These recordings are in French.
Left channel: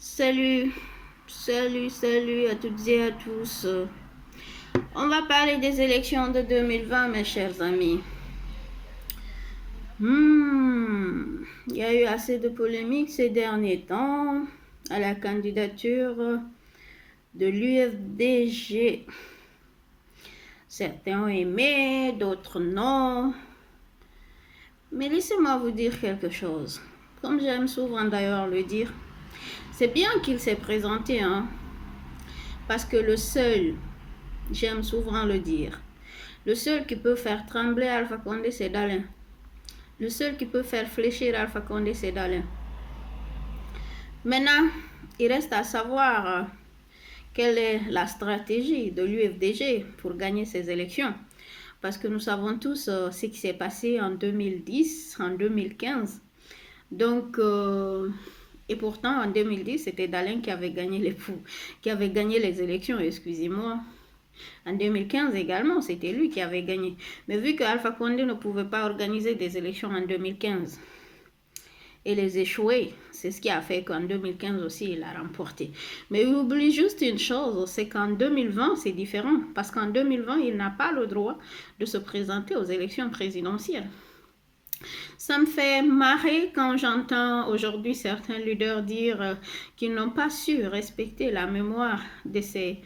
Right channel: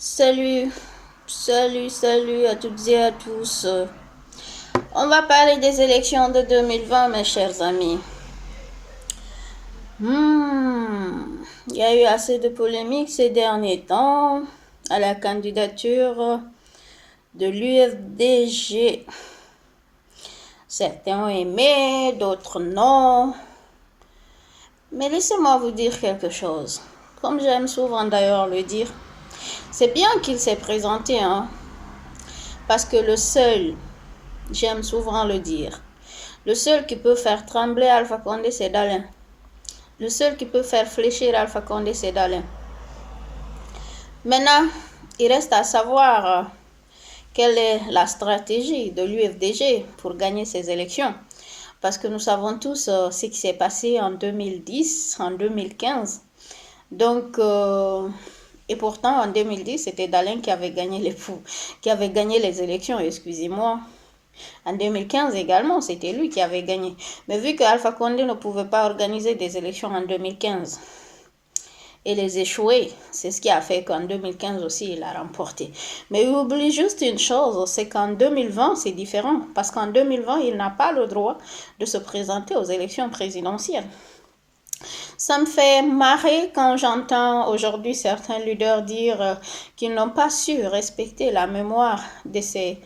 Salut, salut à toutes et à tous. On va parler des élections de 2020, mes chers amis. Il y a eu assez de polémiques ces derniers temps à la candidature de l'UFDG. Certains ont aimé, d'autres non. Mais laissez-moi vous dire quelque chose. Comme j'aime souvent d'ailleurs le dire, c'est bien qu'il s'est présenté, parce que j'aime souvent le dire, le seul qui peut faire trembler Alpha Condé, c'est Dalin. Le seul qui peut faire fléchir Alpha Condé, c'est Dalin. Maintenant, il reste à savoir quelle est la stratégie de l'UFDG pour gagner ces élections. Parce que nous savons tous ce qui s'est passé en 2010, en 2015. Donc, et pourtant, en 2010, c'était Dalin qui avait gagné les élections, excusez-moi. En 2015 également, c'était lui qui avait gagné. Mais vu que Alpha Condé ne pouvait pas organiser des élections en 2015 et les échouer, c'est ce qui a fait qu'en 2015 aussi, il a remporté. Mais il oublie juste une chose, c'est qu'en 2020, c'est différent. Parce qu'en 2020, il n'a pas le droit de se présenter aux élections présidentielles. Ça me fait marrer quand j'entends aujourd'hui certains leaders dire qu'ils n'ont pas su respecter la mémoire de ces,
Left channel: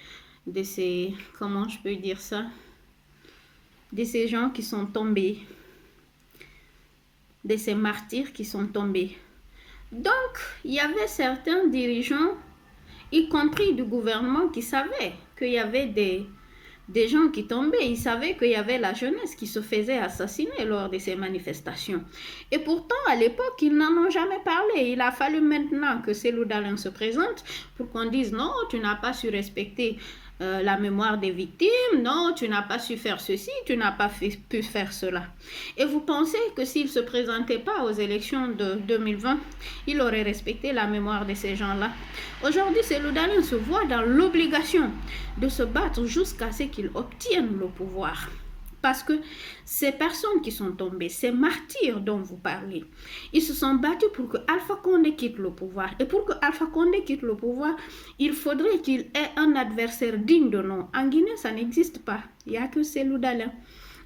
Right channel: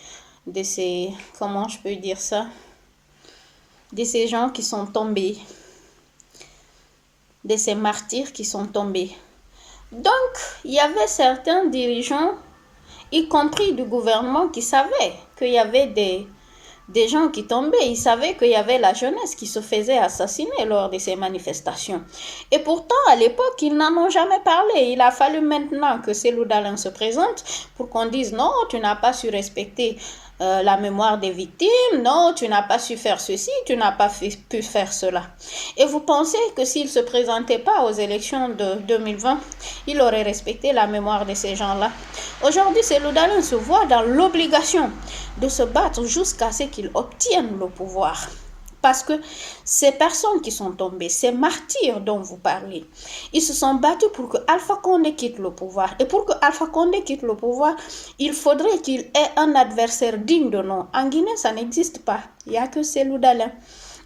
comment je peux dire ça, de ces gens qui sont tombés, de ces martyrs qui sont tombés. Donc, il y avait certains dirigeants, y compris du gouvernement, qui savaient qu'il y avait des gens qui tombaient. Ils savaient qu'il y avait la jeunesse qui se faisait assassiner lors de ces manifestations. Et pourtant, à l'époque, ils n'en ont jamais parlé. Il a fallu maintenant que Cellou Dalein se présente pour qu'on dise non, tu n'as pas su respecter la mémoire des victimes, non, tu n'as pas su faire ceci, tu n'as pas pu faire cela. Et vous pensez que s'il ne se présentait pas aux élections de 2020, il aurait respecté la mémoire de ces gens-là? Aujourd'hui, Cellou Dalein se voit dans l'obligation de se battre jusqu'à ce qu'il obtienne le pouvoir. Parce que ces personnes qui sont tombées, ces martyrs dont vous parlez, ils se sont battus pour que Alpha Condé quitte le pouvoir. Et pour que Alpha Condé quitte le pouvoir, il faudrait qu'il ait un adversaire digne de nom. En Guinée, ça n'existe pas. Il n'y a que Cellou Dalein.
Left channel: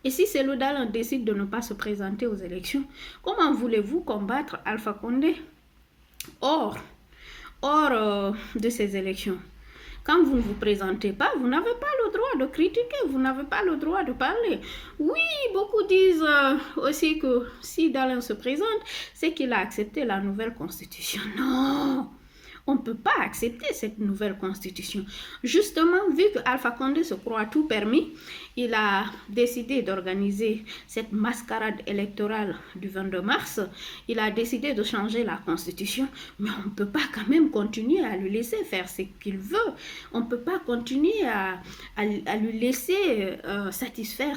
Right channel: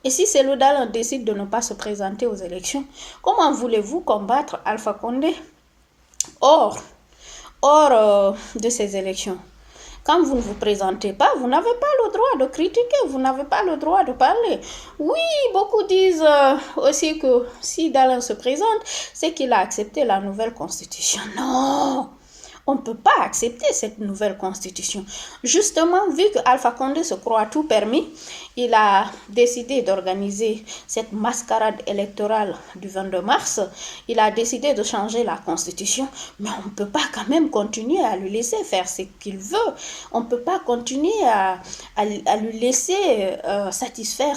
Et si Cellou Dalein décide de ne pas se présenter aux élections, comment voulez-vous combattre Alpha Condé hors de ces élections? Quand vous ne vous présentez pas, vous n'avez pas le droit de critiquer, vous n'avez pas le droit de parler. Oui, beaucoup disent aussi que si Dalein se présente, c'est qu'il a accepté la nouvelle constitution. Non, on ne peut pas accepter cette nouvelle constitution. Justement, vu que Alpha Condé se croit tout permis, il a décidé d'organiser cette mascarade électorale du 22 mars. Il a décidé de changer la constitution, mais on ne peut pas quand même continuer à lui laisser faire ce qu'il veut. On ne peut pas continuer à lui laisser satisfaire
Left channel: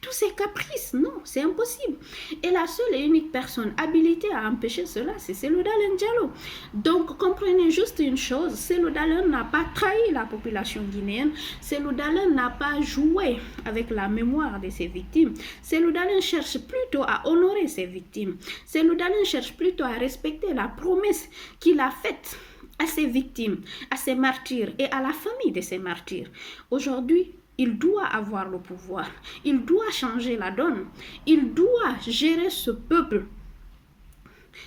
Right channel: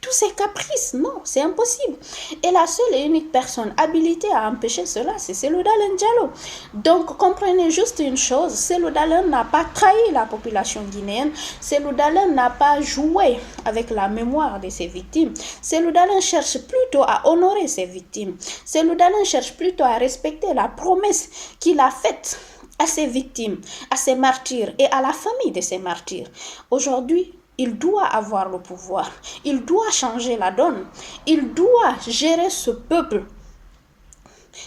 tous ces caprices. Non, c'est impossible. Et la seule et unique personne habilitée à empêcher cela, c'est Cellou Dalein Diallo. Donc, comprenez juste une chose, Cellou Dalein n'a pas trahi la population guinéenne. Cellou Dalein n'a pas joué avec la mémoire de ses victimes. Cellou Dalein cherche plutôt à honorer ses victimes. Cellou Dalein cherche plutôt à respecter la promesse qu'il a faite à ses victimes, à ses martyrs et à la famille de ces martyrs. Aujourd'hui, il doit avoir le pouvoir, il doit changer la donne, il doit gérer ce peuple.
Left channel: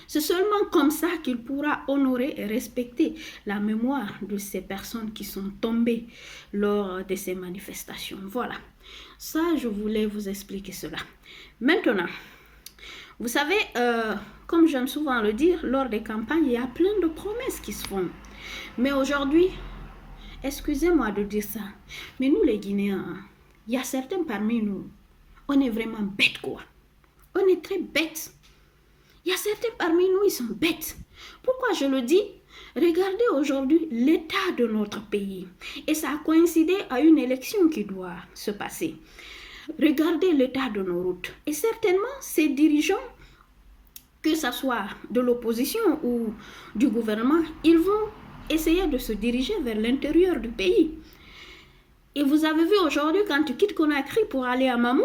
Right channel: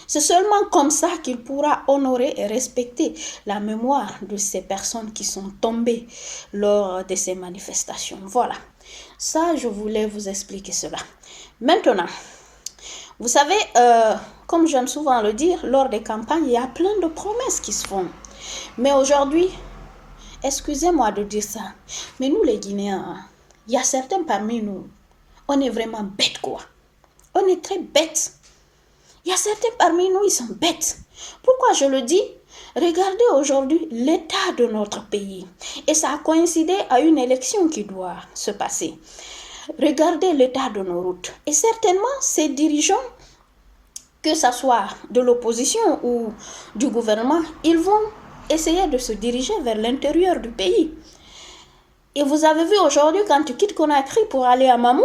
C'est seulement comme ça qu'il pourra honorer et respecter la mémoire de ces personnes qui sont tombées lors de ces manifestations. Voilà, ça je voulais vous expliquer cela. Maintenant, vous savez, comme j'aime souvent le dire, lors des campagnes, il y a plein de promesses qui se font. Mais aujourd'hui, excusez-moi de dire ça, mais nous les Guinéens, il y a certains parmi nous, on est vraiment bêtes quoi. On est très bêtes. Il y a certains parmi nous, ils sont bêtes. Pourquoi je le dis? Regardez aujourd'hui l'état de notre pays. Et ça a coïncidé à une élection qui doit se passer. Regardez l'état de nos routes. Et certainement, ces dirigeants, que ce soit de l'opposition ou du gouvernement, ils vont essayer de se diriger vers l'intérieur du pays. Et vous avez vu aujourd'hui, quand tu quittes Conakry pour aller à Mamou,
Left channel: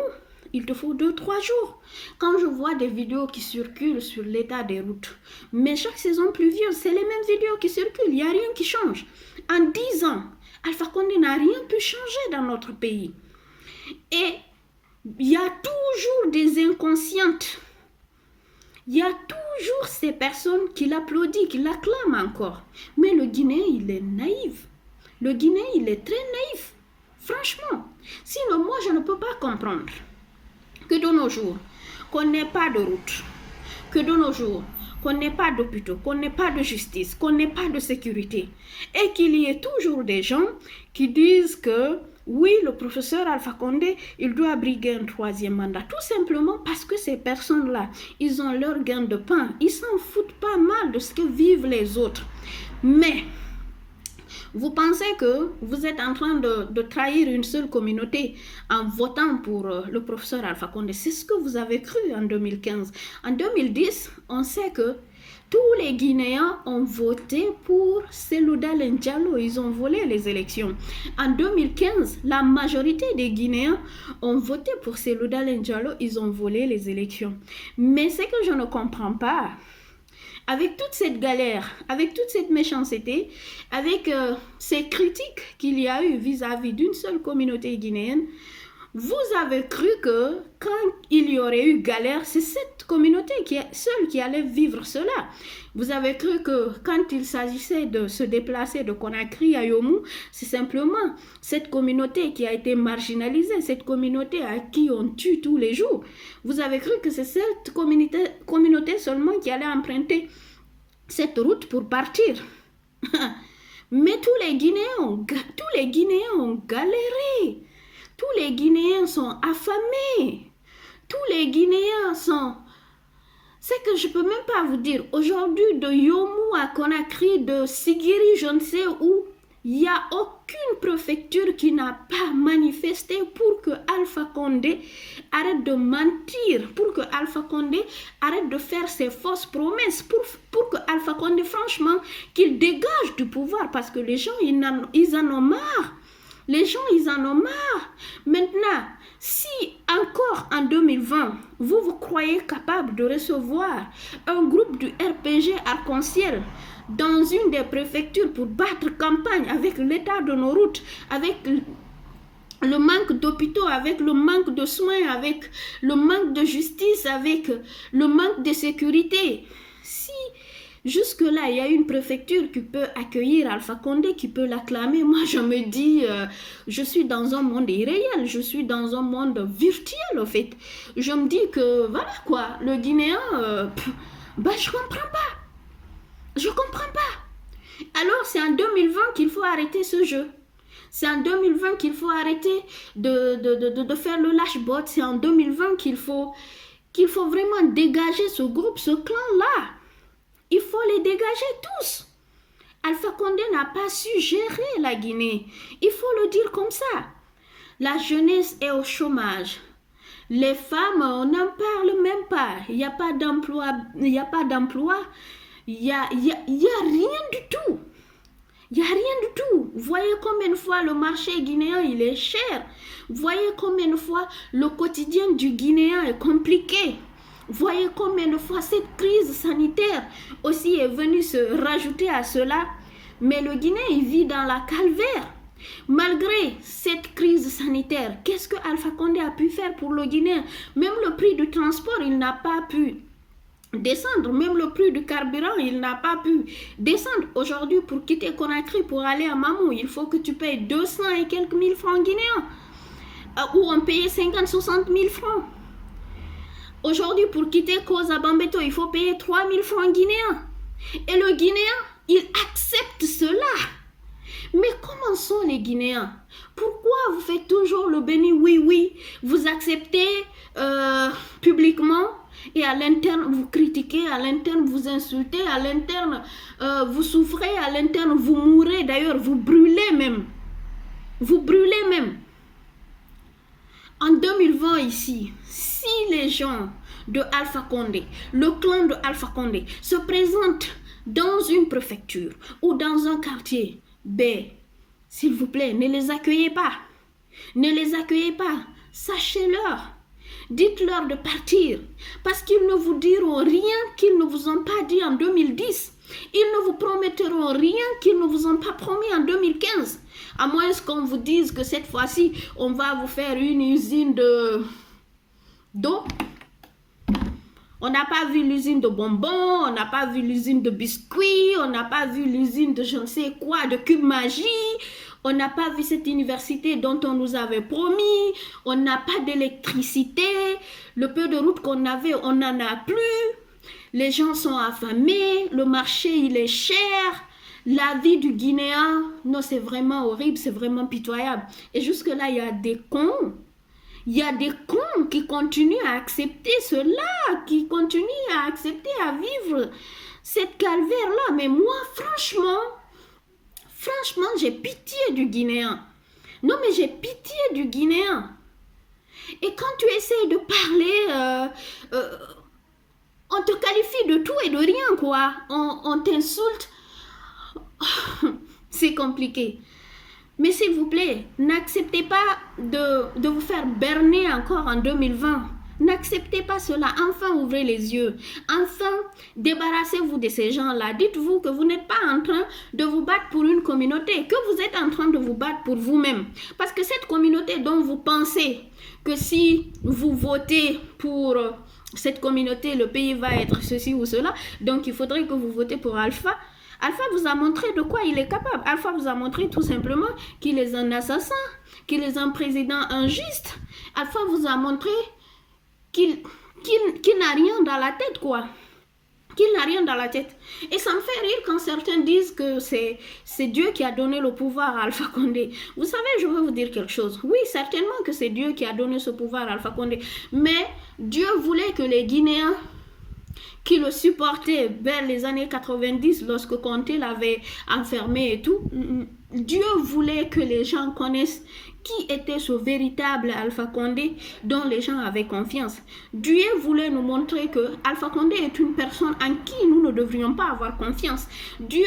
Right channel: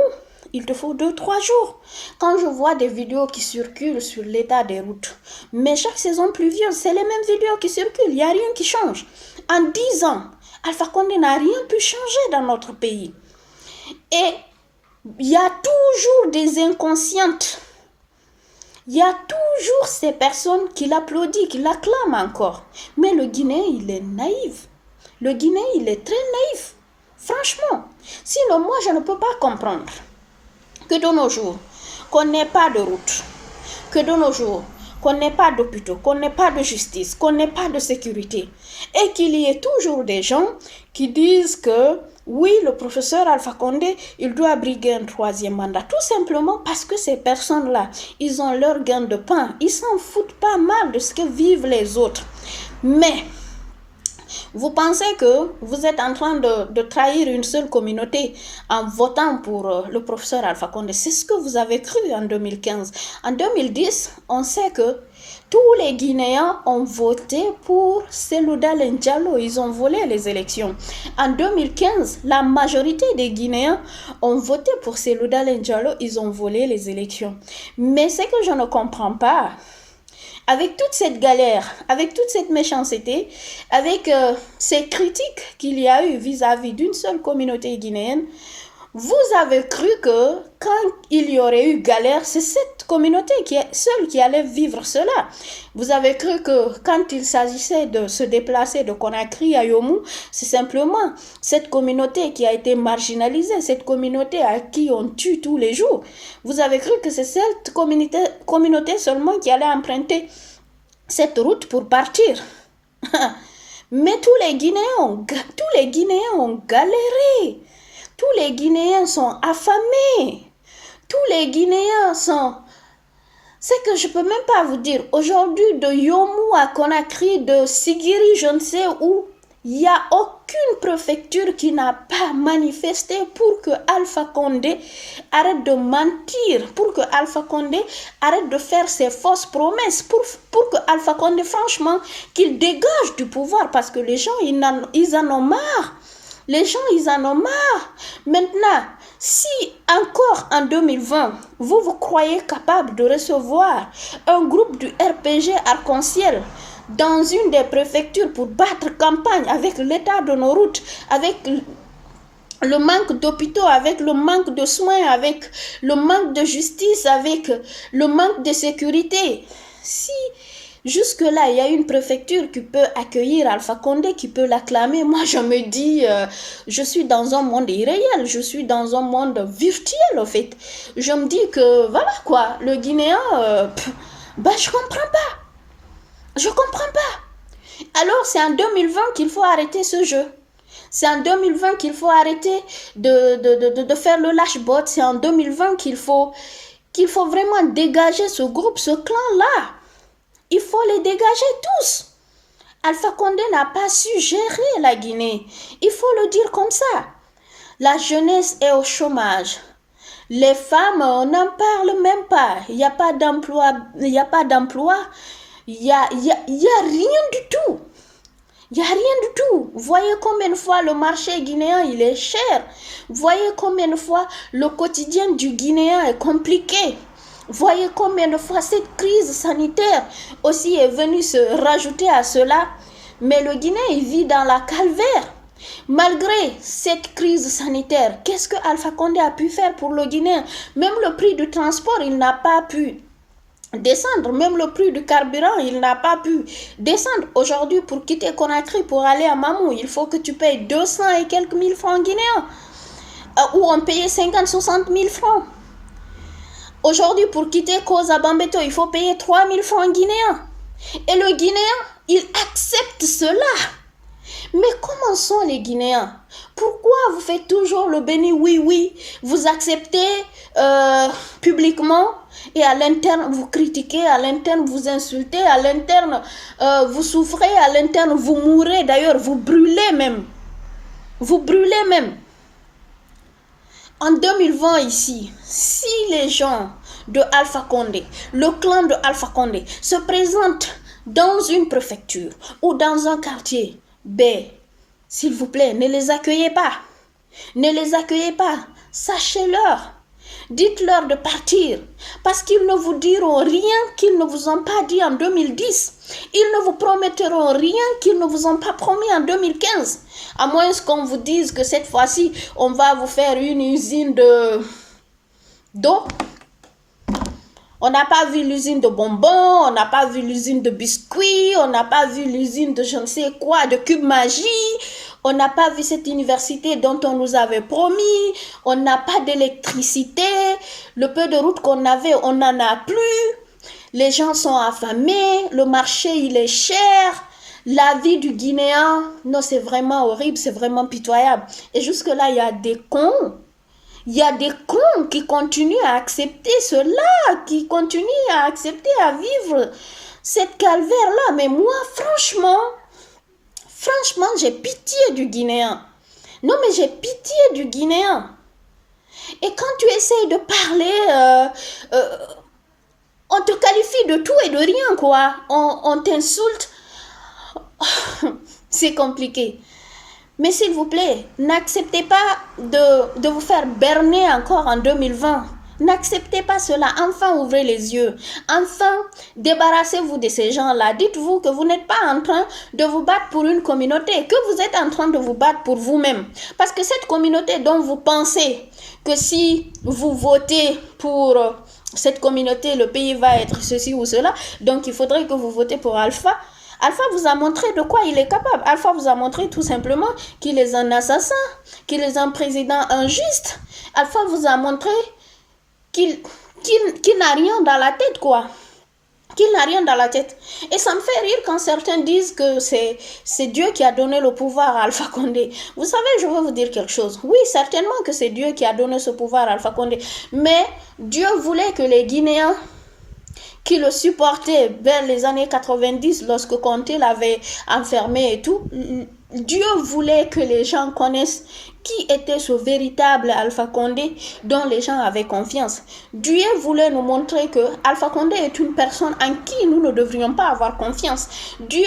il te faut 2-3 jours. Quand je vois des vidéos qui circulent sur l'état des routes, mais chaque saison pluvieuse, c'est les mêmes vidéos qui circulent, il n'y a rien qui change. En 10 ans, Alpha Condé n'a rien pu changer dans notre pays. Et il y a toujours des inconscientes. Il y a toujours ces personnes qui l'applaudissent, qui l'acclament encore. Mais le Guinéen, il est naïf. Le Guinéen, il est très naïf. Franchement. Sinon, moi, je ne peux pas comprendre que de nos jours, qu'on n'ait pas de route, que de nos jours, qu'on n'ait pas d'hôpitaux, qu'on n'ait pas de justice, qu'on n'ait pas de sécurité, et qu'il y ait toujours des gens qui disent que oui, le professeur Alpha Condé, il doit briguer un 3e mandat. Tout simplement parce que ces personnes-là, ils ont leur gain de pain. Ils s'en foutent pas mal de ce que vivent les autres. Mais vous pensez que vous êtes en train de trahir une seule communauté en votant pour le professeur Alpha Condé. C'est ce que vous avez cru en 2015. En 2010, on sait que tous les Guinéens ont voté pour Cellou Dalein Diallo. Ils ont volé les élections. En 2015, la majorité des Guinéens ont voté pour Cellou Dalein Diallo. Ils ont volé les élections. Mais ce que je ne comprends pas, avec toute cette galère, avec toute cette méchanceté, avec ces critiques qu'il y a eu vis-à-vis d'une seule communauté guinéenne, vous avez cru que quand il y aurait eu galère, c'est cette communauté seule qui allait vivre cela. Vous avez cru que quand il s'agissait de se déplacer de Conakry à Yomou, c'est simplement cette communauté qui a été marginalisée, cette communauté à qui on tue tous les jours. Vous avez cru que c'est cette communauté seulement qui allait emprunter cette route pour partir. Mais tous les Guinéens ont galéré. Tous les Guinéens sont affamés. Tous les Guinéens sont... C'est que je ne peux même pas vous dire. Aujourd'hui, de Yomou à Conakry, de Sigiri, je ne sais où, il n'y a aucune préfecture qui n'a pas manifesté pour que Alpha Condé arrête de mentir, pour que Alpha Condé arrête de faire ses fausses promesses, pour que Alpha Condé, franchement, qu'il dégage du pouvoir, parce que les gens, ils en ont marre. Les gens, ils en ont marre. Maintenant, si encore en 2020, vous croyez capable de recevoir un groupe du RPG Arc-en-Ciel dans une des préfectures pour battre campagne avec l'état de nos routes, avec le manque d'hôpitaux, avec le manque de soins, avec le manque de justice, avec le manque de sécurité, si jusque-là, il y a une préfecture qui peut accueillir Alpha Condé, qui peut l'acclamer. Moi, je me dis, je suis dans un monde irréel, je suis dans un monde virtuel, en fait. Je me dis que, voilà quoi, le Guinéen, je comprends pas. Je comprends pas. Alors, c'est en 2020 qu'il faut arrêter ce jeu. C'est en 2020 qu'il faut arrêter de faire le lâche-botte. C'est en 2020 qu'il faut vraiment dégager ce groupe, ce clan-là. Il faut les dégager tous. Alpha Condé n'a pas su gérer la Guinée. Il faut le dire comme ça. La jeunesse est au chômage. Les femmes, on n'en parle même pas. Il n'y a pas d'emploi. Il n'y a pas d'emploi. Il y a rien du tout. Il n'y a rien du tout. Vous voyez combien de fois le marché guinéen, il est cher. Vous voyez combien de fois le quotidien du Guinéen est compliqué. Voyez combien de fois cette crise sanitaire aussi est venue se rajouter à cela. Mais le Guinéen, il vit dans la calvaire. Malgré cette crise sanitaire, qu'est-ce que Alpha Condé a pu faire pour le Guinéen? Même le prix du transport, il n'a pas pu descendre. Même le prix du carburant, il n'a pas pu descendre. Aujourd'hui, pour quitter Conakry, pour aller à Mamou, il faut que tu payes 200 et quelques mille francs guinéens. Ou on payait 50-60 000 francs. Aujourd'hui, pour quitter Koza Bambeto, il faut payer 3 000 francs guinéens. Et le Guinéen, il accepte cela. Mais comment sont les Guinéens? Pourquoi vous faites toujours le béni oui? Vous acceptez publiquement et à l'interne, vous critiquez, à l'interne, vous insultez, à l'interne, vous souffrez, à l'interne, vous mourrez. D'ailleurs, vous brûlez même. Vous brûlez même. En 2020 ici, si les gens de Alpha Condé, le clan de Alpha Condé, se présentent dans une préfecture ou dans un quartier, s'il vous plaît, ne les accueillez pas. Ne les accueillez pas. Sachez-leur. Dites-leur de partir parce qu'ils ne vous diront rien qu'ils ne vous ont pas dit en 2010. Ils ne vous promettront rien qu'ils ne vous ont pas promis en 2015. À moins qu'on vous dise que cette fois-ci, on va vous faire une usine d'eau. On n'a pas vu l'usine de bonbons, on n'a pas vu l'usine de biscuits, on n'a pas vu l'usine de je ne sais quoi, de cube magie. On n'a pas vu cette université dont on nous avait promis. On n'a pas d'électricité. Le peu de route qu'on avait, on n'en a plus. Les gens sont affamés. Le marché, il est cher. La vie du Guinéen, non, c'est vraiment horrible, c'est vraiment pitoyable. Et jusque-là, il y a des cons. Il y a des cons qui continuent à accepter cela, qui continuent à accepter à vivre cette calvaire-là. Mais moi, franchement, j'ai pitié du Guinéen. Non, mais j'ai pitié du Guinéen. Et quand tu essayes de parler, on te qualifie de tout et de rien, quoi. On t'insulte. C'est compliqué. Mais s'il vous plaît, n'acceptez pas de vous faire berner encore en 2020. N'acceptez pas cela. Enfin, ouvrez les yeux. Enfin, débarrassez-vous de ces gens-là. Dites-vous que vous n'êtes pas en train de vous battre pour une communauté, que vous êtes en train de vous battre pour vous-même. Parce que cette communauté dont vous pensez que si vous votez pour cette communauté, le pays va être ceci ou cela, donc il faudrait que vous votez pour Alpha. Alpha vous a montré de quoi il est capable. Alpha vous a montré tout simplement qu'il est un assassin, qu'il est un président injuste. Alpha vous a montré qu'il n'a rien dans la tête, quoi. Qu'il n'a rien dans la tête. Et ça me fait rire quand certains disent que c'est Dieu qui a donné le pouvoir à Alpha Condé. Vous savez, je veux vous dire quelque chose. Oui, certainement que c'est Dieu qui a donné ce pouvoir à Alpha Condé. Mais Dieu voulait que les Guinéens qui le supportaient vers les années 90, lorsque Conté l'avait enfermé et tout, Dieu voulait que les gens connaissent qui était ce véritable Alpha Condé dont les gens avaient confiance. Dieu voulait nous montrer que Alpha Condé est une personne en qui nous ne devrions pas avoir confiance. Dieu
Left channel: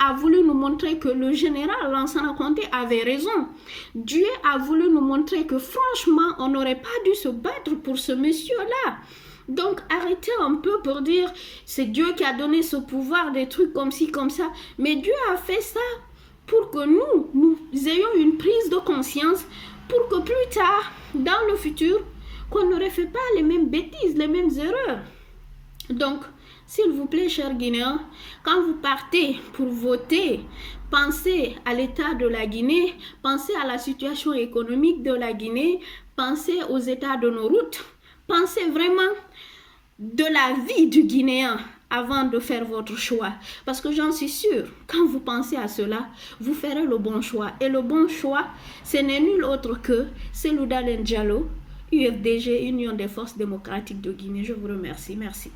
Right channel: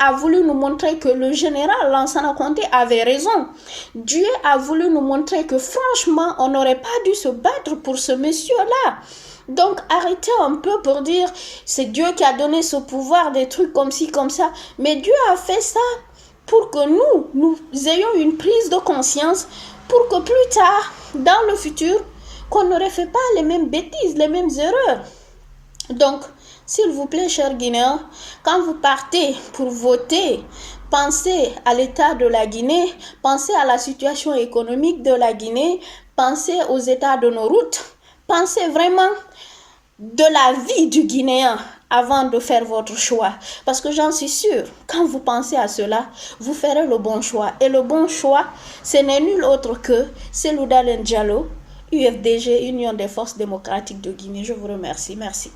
a voulu nous montrer que le général Lansana Conté avait raison. Dieu a voulu nous montrer que franchement, on n'aurait pas dû se battre pour ce monsieur-là. Donc arrêtez un peu pour dire c'est Dieu qui a donné ce pouvoir, des trucs comme ci, comme ça. Mais Dieu a fait ça pour que nous ayons une prise de conscience, pour que plus tard, dans le futur, qu'on ne refait pas les mêmes bêtises, les mêmes erreurs. Donc, s'il vous plaît, chers Guinéens, quand vous partez pour voter, pensez à l'état de la Guinée, pensez à la situation économique de la Guinée, pensez aux états de nos routes, pensez vraiment de la vie du Guinéen avant de faire votre choix. Parce que j'en suis sûre, quand vous pensez à cela, vous ferez le bon choix. Et le bon choix, ce n'est nul autre que Selou Dalein Diallo, UFDG, Union des forces démocratiques de Guinée. Je vous remercie. Merci.